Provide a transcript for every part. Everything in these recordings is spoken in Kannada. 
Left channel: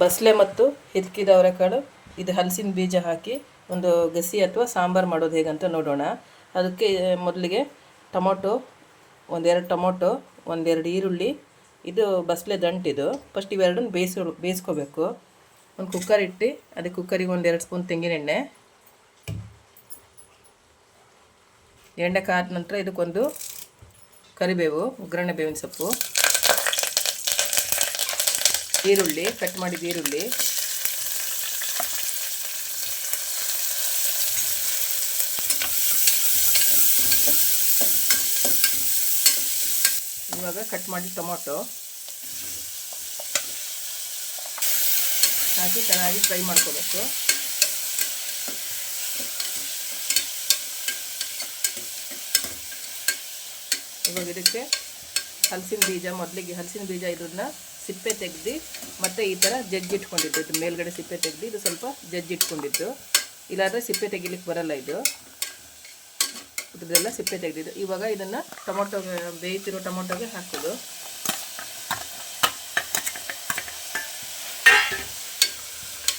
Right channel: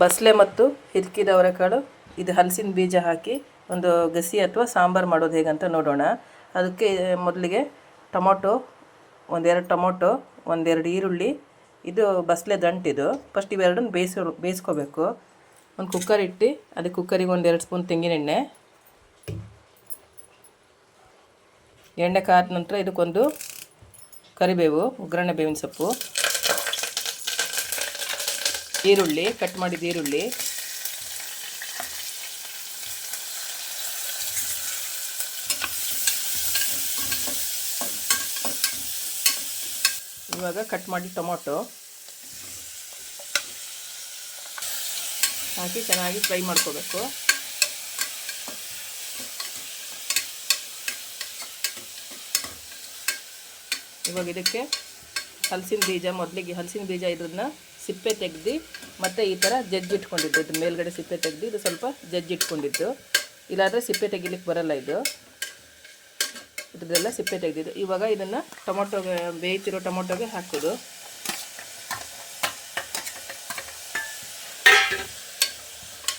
ಬಸಳೆ ಮತ್ತು ಹಿರ್ಕಿದ ಅವರೆಕಾಳು ಇದು ಹಲಸಿನ ಬೀಜ ಹಾಕಿ ಒಂದು ಗಸಿ ಅಥವಾ ಸಾಂಬಾರು ಮಾಡೋದು ಹೇಗಂತ ನೋಡೋಣ. ಅದಕ್ಕೆ ಮೊದಲಿಗೆ ಟೊಮೊಟೊ, ಒಂದೆರಡು ಟೊಮೊಟೊ, ಒಂದೆರಡು ಈರುಳ್ಳಿ, ಇದು ಬಸಳೆ ದಂಟಿದು. ಫಸ್ಟ್ ಇವೆರಡನ್ನು ಬೇಯಿಸ್ಕೋಬೇಕು. ಒಂದು ಕುಕ್ಕರ್ ಇಟ್ಟು ಅದಕ್ಕೆ ಕುಕ್ಕರಿಗೆ ಒಂದೆರಡು ಸ್ಪೂನ್ ತೆಂಗಿನೆಣ್ಣೆ. ಎಣ್ಣೆ ಕಾದ ನಂತರ ಇದಕ್ಕೊಂದು ಕರಿಬೇವು, ಒಗ್ಗರಣೆ ಬೇವಿನ ಸೊಪ್ಪು, ಈರುಳ್ಳಿ, ಕಟ್ ಮಾಡಿದ ಈರುಳ್ಳಿ, ಇವಾಗ ಕಟ್ ಮಾಡಿ ಟೊಮೊಟೊ ಹಾಕಿ ಚೆನ್ನಾಗಿ ಫ್ರೈ ಮಾಡ್ಕೋಬೇಕು. ಇವಾಗ ಇದಕ್ಕೆ ಹಲಸಿನ ಬೀಜ, ಮೊದಲಿಗೆ ಹಲಸಿನ ಬೀಜ ಇದನ್ನ ಸಿಪ್ಪೆ ತೆಗೆದು ಮತ್ತು ಈ ಥರ ಜಜ್ಜಿಟ್ಕೊಂಡಿದ್ದು, ಇದ್ರ ಮೇಲ್ಗಡೆ ಸಿಪ್ಪೆ ತೆಗೆದು ಇದು ಸ್ವಲ್ಪ ಜಜ್ಜಿಟ್ಕೊಂಡಿದ್ದು. ಇಲ್ಲಾಂದರೆ ಸಿಪ್ಪೆ ತೆಗಿಲಿಕ್ಕೆ ಬರಲ್ಲ, ಇದ್ರದ್ದೆಲ್ಲ ಸಿಪ್ಪೆ ತೆಗೆದಿದ್ದು. ಇವಾಗ ಇದನ್ನು ಟೊಮೊಟೊಗೆ, ಬೇಯ್ತಿರೋ ಟೊಮೊಟೊಗೆ ಹಾಕೋದು.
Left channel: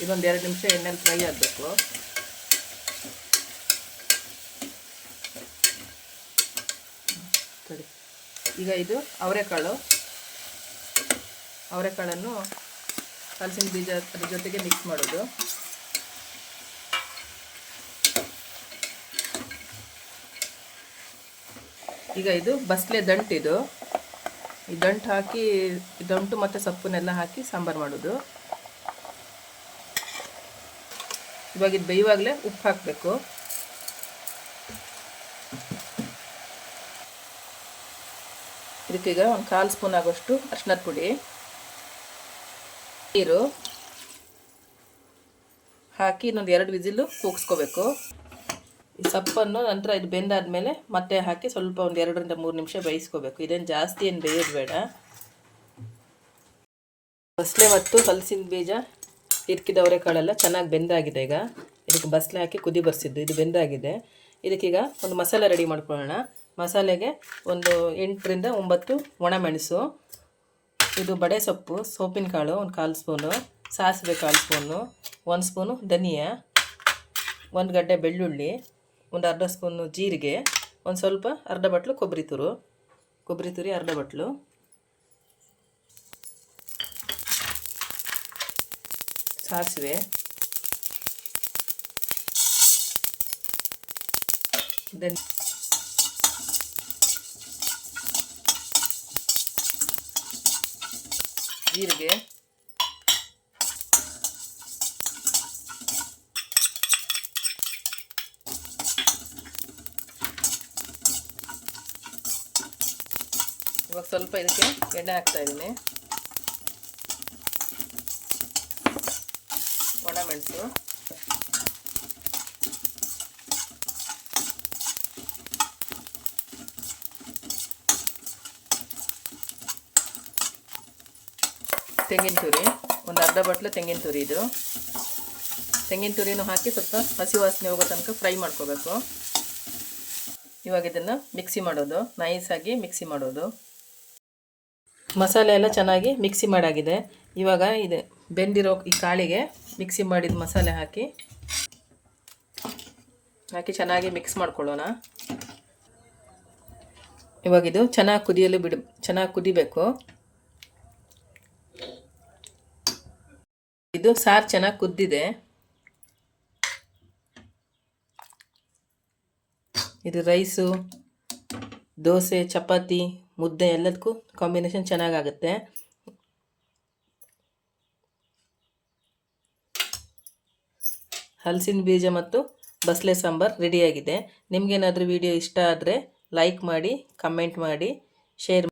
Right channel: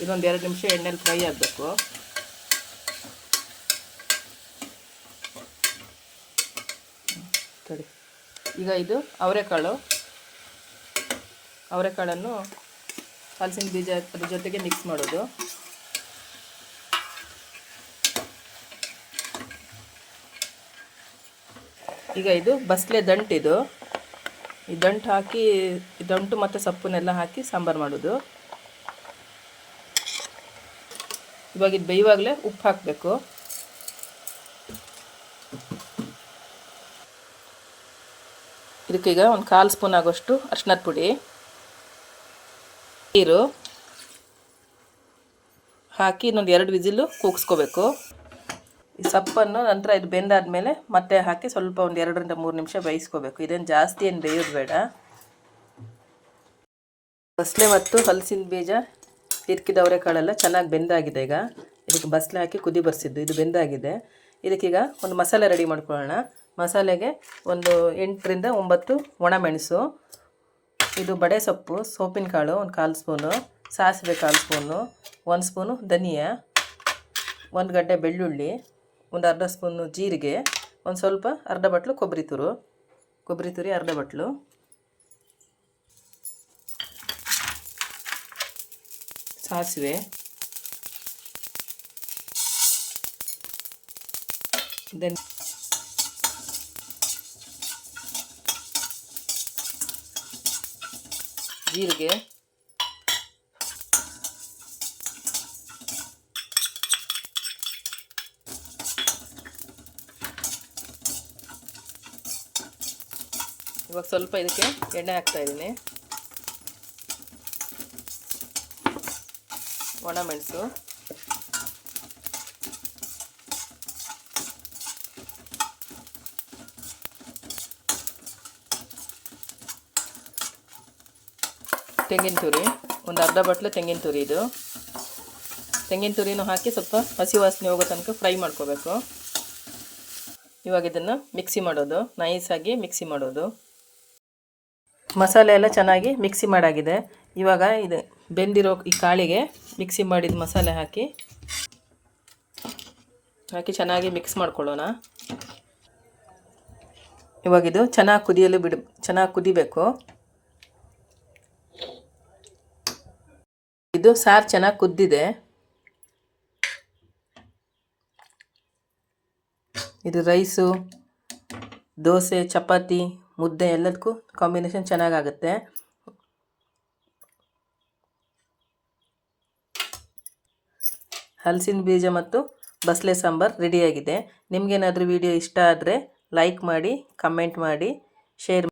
ಇದೊಂದು 2 ನಿಮಿಷ ಎಣ್ಣೆಲಿ ಫ್ರೈ ಆಗಬೇಕು. ಸರಿ, ಈಗ ಇದು ಅವರೆಕಾಳನ್ನು ಹಲಸಿನ ಬೀಜ ಅದ್ರ ಜೊತೆಗೆ ಮಿಕ್ಸ್ ಮಾಡೋದು. ಈಗ ಇದು ಬಸಳೆ ದಂಟಿದು, ಈ ದಂಟು ಹಾಕಿ, ದಂಟು ಮತ್ತು ಸೊಪ್ಪನ್ನೆಲ್ಲ ಹಾಕಿ ಸಾಂಬಾರು ಮಾಡೋದು. ಇವಾಗ ಇದು ಬೇಯುವಾಗಲೇ ಉಪ್ಪು ಹಾಕಬೇಕು. ಇದಕ್ಕೀಗ ಒಂದು 1/4 ಸ್ಪೂನ್ ಆಗೋಷ್ಟು ಅರಿಶಿನದ ಪುಡಿ, ನೀರು ಹಾಕಿ ಇನ್ನೊಂದು 2 ವಿಸಿಲು ಕೂಗಿಸ್ಕೋಬೇಕು. ಈ ಸೊಪ್ಪನ್ನು ನಂತರ ಇದು ಬೆಂದಾದಮೇಲೆ ಮತ್ತೆ ಹಾಕಿ ಸ್ವಲ್ಪ ಒಂದು 2 ರಿಂದ 3 ನಿಮಿಷ ಬೇಯಿಸ್ಕೋಬೇಕು. ಇದೇನು ಜಾಸ್ತಿ ಏನು ಬೇಯೋದು ಬೇಡ. ಬಸಳೆ ಮತ್ತು ಹಲಸಿನ ಬೀಜ, ಹಿರ್ಕಿದ ಅವರೆಕಾಳೆಲ್ಲ ಚೆನ್ನಾಗಿ ಬೆಂದಾಗಿದೆ. ಈಗ ಇದಕ್ಕೆ ಬಸಳೆ ಹಾಕಿ ಕುದಿ ಬರ್ಸಿದ್ದು, ಇದು ಬೆಂದಾಗಿದೆ. ಇದಕ್ಕೀಗ ಒಂದು ಮಸಾಲೆ ರೆಡಿ ಮಾಡ್ಕೊಳ್ಳೋಣ. ಮಸಾಲೆಗೆ ಒಂದು 8 ರಿಂದ 9 ಒಣಮೆಣಸು, ಇದು ಬಡೆ ಸೊಪ್ಪು, ಸೋಪಿನ ಕಾಳು ಒಂದು 1/4 ಸ್ಪೂನು, ಸಾಸಿವೆ 1/4 ಸ್ಪೂನು, 1 ಸ್ಪೂನು ಧನಿಯಾ, 1 ಗಡ್ಡೆ ಬೆಳ್ಳುಳ್ಳಿ, ಒಂದು ಅರ್ಧ ಸ್ಪೂನು ಜೀರಿಗೆ, ಒಂದು ಸ್ವಲ್ಪ ಅರ್ಧ ಬಟ್ಲು ಕೊಬ್ಬರಿ ತುರಿ ಅರ್ಧ ಬಟ್ಲು, ಸಾಸಿವೆ, ಜೀರಿಗೆ, ಇವಾಗ ಸ್ವಲ್ಪ ಇದಕ್ಕೆ ಎಣ್ಣೆ ಹಾಕ್ತಾ ಇದ್ದೀನಿ. ಒಣಮೆಣಸು, ತೆಂಗಿನ ತುರಿ, ಒಂದು ಅರ್ಧ ಬಟ್ಲು ತೆಂಗಿನ ತುರಿ. ಇದು ತೆಂಗಿನ ತುರಿನೂ ಹಾಕಿ ಸ್ವಲ್ಪ ಹಸಿ ವಾಸನೆ ಹೋಗೋ ತನಕ ಫ್ರೈ ಮಾಡ್ಕೋಬೇಕು. ಇವಾಗ ಇದನ್ನು ಮಿಕ್ಸಿ ಮಾಡೋದು, ನೈಸಾಗಿ ಮಿಕ್ಸಿ ಮಾಡೋದು. ಮಸಾಲೆ ಎಲ್ಲ ಚೆನ್ನಾಗಿ ಮಿಕ್ಸಿ ಮಾಡಾಗಿದೆ. ಇವಾಗ ಇದು ಬೆಂದಿರೋ ಈ ಕಾಳಿಗೆ ಮಿಕ್ಸಿ ಮಾಡಿದ ಮಸಾಲೆ ಹಾಕಿ ಚೆನ್ನಾಗಿ ಮಿಕ್ಸ್ ಮಾಡ್ಕೊಳ್ಳೋಣ. ಇವಾಗ ಇದು ಚೆನ್ನಾಗಿ ಕುದಿಬೇಕು. ಇದು ಸಾರು ಚೆನ್ನಾಗಿ ಕುದ್ದಿದೆ. ಇದು ರೈಸು, ದೋಸೆ, ಚಪಾತಿ, ಮುದ್ದೆ ಎಲ್ಲದಕ್ಕೂ ಕಾಂಬಿನೇಷನ್ ಚೆನ್ನಾಗಾಗುತ್ತೆ. ಹಲಸಿನ ಬೀಜ ಮತ್ತು ಬಸಳೆ ಸಾಂಬಾರು ರೆಡಿಯಾಗಿದೆ. ನಿಮಗೇನಾದರೂ ವಿಡಿಯೋ ಇಷ್ಟ ಆದರೆ ಲೈಕ್ ಮಾಡಿ, ಕಮೆಂಟ್ ಮಾಡಿ, ಶೇರ್ ಮಾಡಿ.